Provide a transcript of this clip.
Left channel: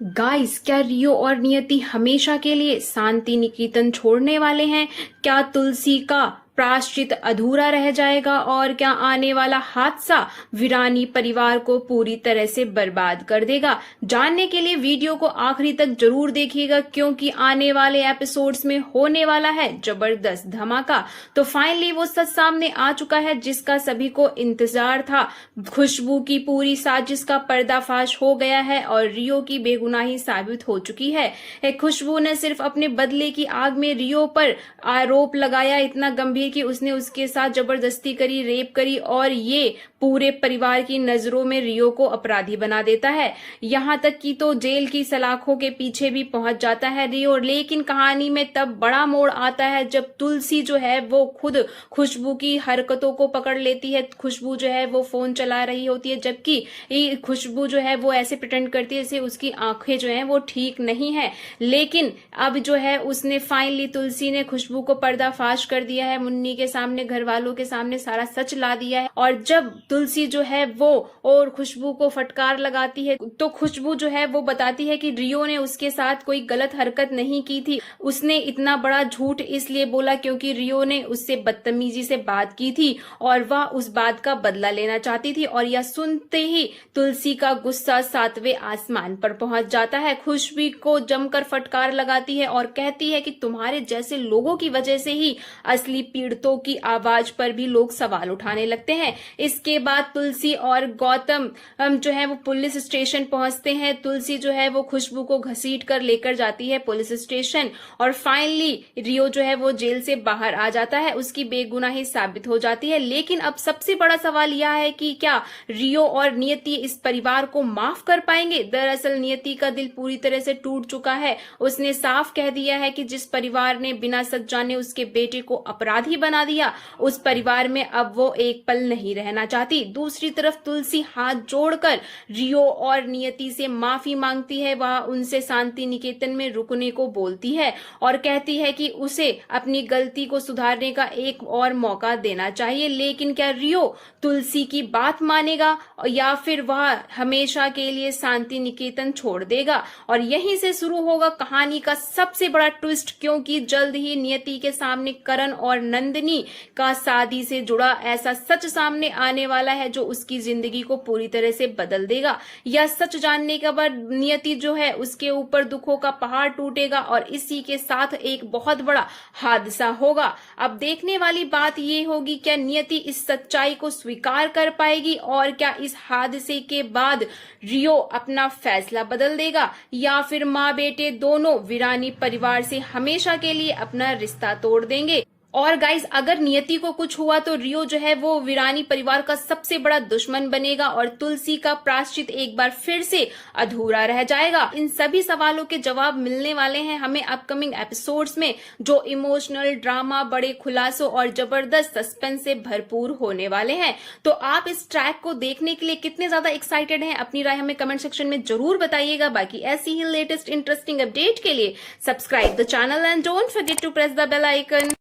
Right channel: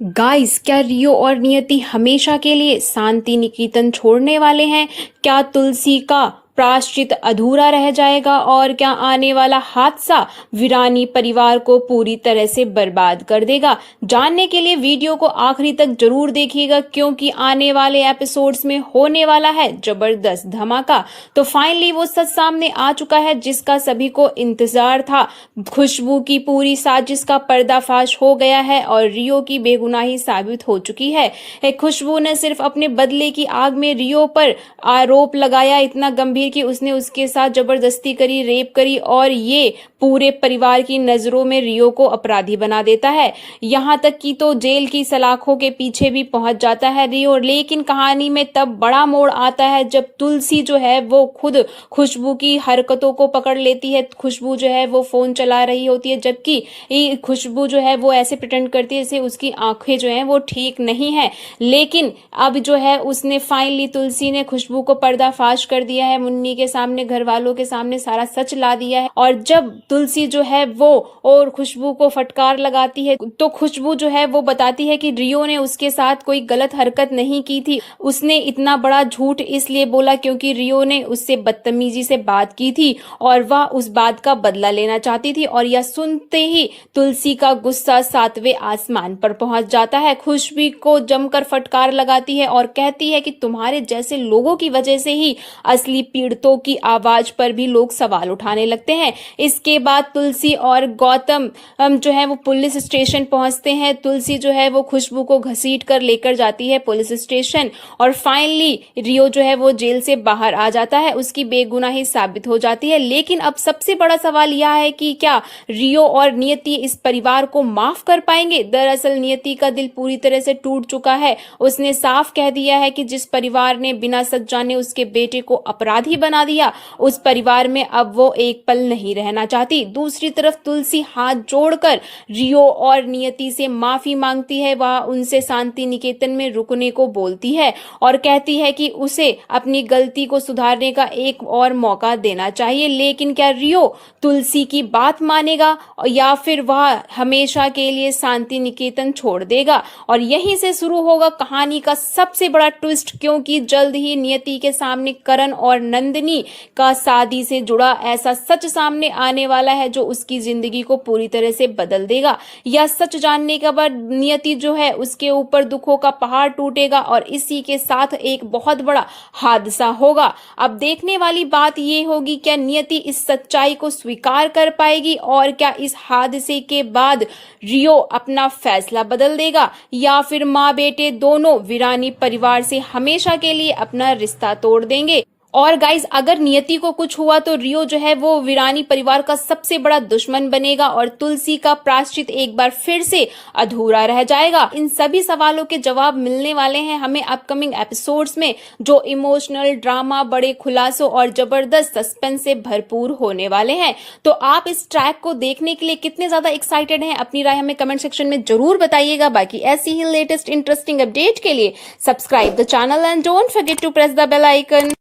Guys, क्या रियो और नियति हमेशा के लिए शांति निकेतन छोड़ने वाले हैं? क्या तुलसी का प्रायश्चित अधूरा रह जाएगा और क्या आने वाला हादसा वीरानी परिवार को पूरी तरह से बर्बाद कर देगा? जानने के लिए वीडियो को आखिरी तक जरूर देखिएगा, क्योंकि आने वाले एपिसोड्स में होने वाला है जबरदस्त धमाका। तो फाइनली वो सच सामने आ चुका है जिसका सभी को इंतजार था। खुशबू की पूरी साजिश का पर्दाफाश हो गया है और रियो की बेगुनाही साबित हो चुकी है। खुशबू ने सिर्फ अपने बदले की आग में रियो पर आरोप लगाया, इतना गंभीर कि उसने उसके साथ जबरदस्ती करी, रेप करी, और ये पूरे परिवार की नजरों में रियो को अपराधी बना देता है। यहाँ तक कि तो जेल की सलाखों के पीछे भी पहुंच जाता है रियो। लेकिन कहानी में तब बड़ा मोड़ आता है जब तुलसी जो है वो खुद खुशबू की हरकतों को पकड़ लेती है। खुशबू जो है वो फोन चला रही होती है, जबकि खुशबू जो है वो ऐसे प्रिटेंड करती है जैसे उसकी आंखें जो हैं वो ठीक नहीं है। लेकिन अब जो है उसने फाइनली तुलसी ने खुशबू को पर्दाफाश कर दिया है, मुन्नी के सामने, घर वालों के सामने सारा सच ला दिया है। और जब तुलसी जो है वो और खुशबू को फटकार लगाती है तो खुशबू जो है वो बताती है कि रियो ने उसके साथ कोई गलत हरकत नहीं की थी। उसने इतना बड़ा झूठ इसलिए बोला क्योंकि रियो ने उससे बदतमीजी से बात की थी और वह उस बात का बदला लेना चाहती थी। और यह सुनते ही तुलसी का गुस्सा 7वें आसमान पर पहुंच जाता है। खुशबू को जमकर फटकार लगाती है और कहती है कि तुम्हारे जैसे लोगों की वजह से ही असली पीड़ितों की आवाज पर भी लोग सवाल उठाने लगते हैं। इसके बाद तुलसी और गौतम जो है वो पुलिस स्टेशन पहुंचते हैं। तुलसी जो है वो खुशबू को घसीट कर लेकर जाती है पुलिस स्टेशन और फाइनली रियो जो है वो जेल से बाहर आ जाता है, उसकी बेगुनाही साबित हो जाती है। लेकिन अब सबसे बड़ा सवाल यह है कि क्या रियो और नियति इस परिवार को माफ कर पाएंगे? दरअसल नियति का दिल पूरी तरह से टूट चुका है। उसने साफ कह दिया है कि जिस परिवार ने बिना सच जाने उसके बेटे को अपराधी बना दिया, उस परिवार में अब वो एक पल नहीं रहना चाहती। दूसरी तरफ तुलसी हाथ जोड़कर रियो और नियति से माफी मांगती है। वह उनसे शांति निकेतन में रुकने को बोलती है और कहती है कि उसे अपनी गलती को सुधारने का एक और मौका देना चाहिए। लेकिन क्या रियो तुलसी की बात मानेगा या फिर वह हमेशा के लिए शांति निकेतन छोड़ देगा? और यहीं से शुरू होगा कहानी का सबसे बड़ा ट्विस्ट, क्योंकि जल्द ही नियति के सामने करण और नंदिनी का शादी से जुड़ा ऐसा सच सामने आने वाला है जो उसकी जिंदगी को पूरी तरह से बदल देगा। यह सच जानने के बाद नियति जो है उसके ऊपर दुखों का पहाड़ टूटेगा और इसी के साथ एक बहुत बड़ा हादसा होगा। अब देखने वाली बात ये होगी क्या नियति इस सच्चाई को स्वीकार कर पाएगी और क्या इस हादसे के बाद रियो अपना फैसला बदल देगा या फिर माँ बेटे दोनों वीरानी परिवार से हमेशा के लिए अपना रिश्ता तोड़ देंगे। और गाइज, अगर नियति को कुछ हुआ तो रियो जो है वो वीरानी परिवार का सबसे बड़ा दुश्मन बनेगा और तुलसी का प्रायश्चित एक बार फिर से अधूरा रह जाएगा। इन सभी सवालों के जवाब मिलने वाले हैं हमें अपकमिंग एपिसोड्स में, जो इमोशनल ड्रामा, बड़े खुलासों और जबरदस्त सस्पेंस से भरपूर होने वाले हैं। तो आप इस ट्रैक को देखने के लिए कितने ज्यादा एक्साइटेड हैं, अपनी राय हमें कमेंट सेक्शन में जरूर बताइएगा। बाकी ऐसी ही लेटेस्ट इंटरेस्टिंग अपडेट के लिए subscribe the channel and don't forget to press the bell icon.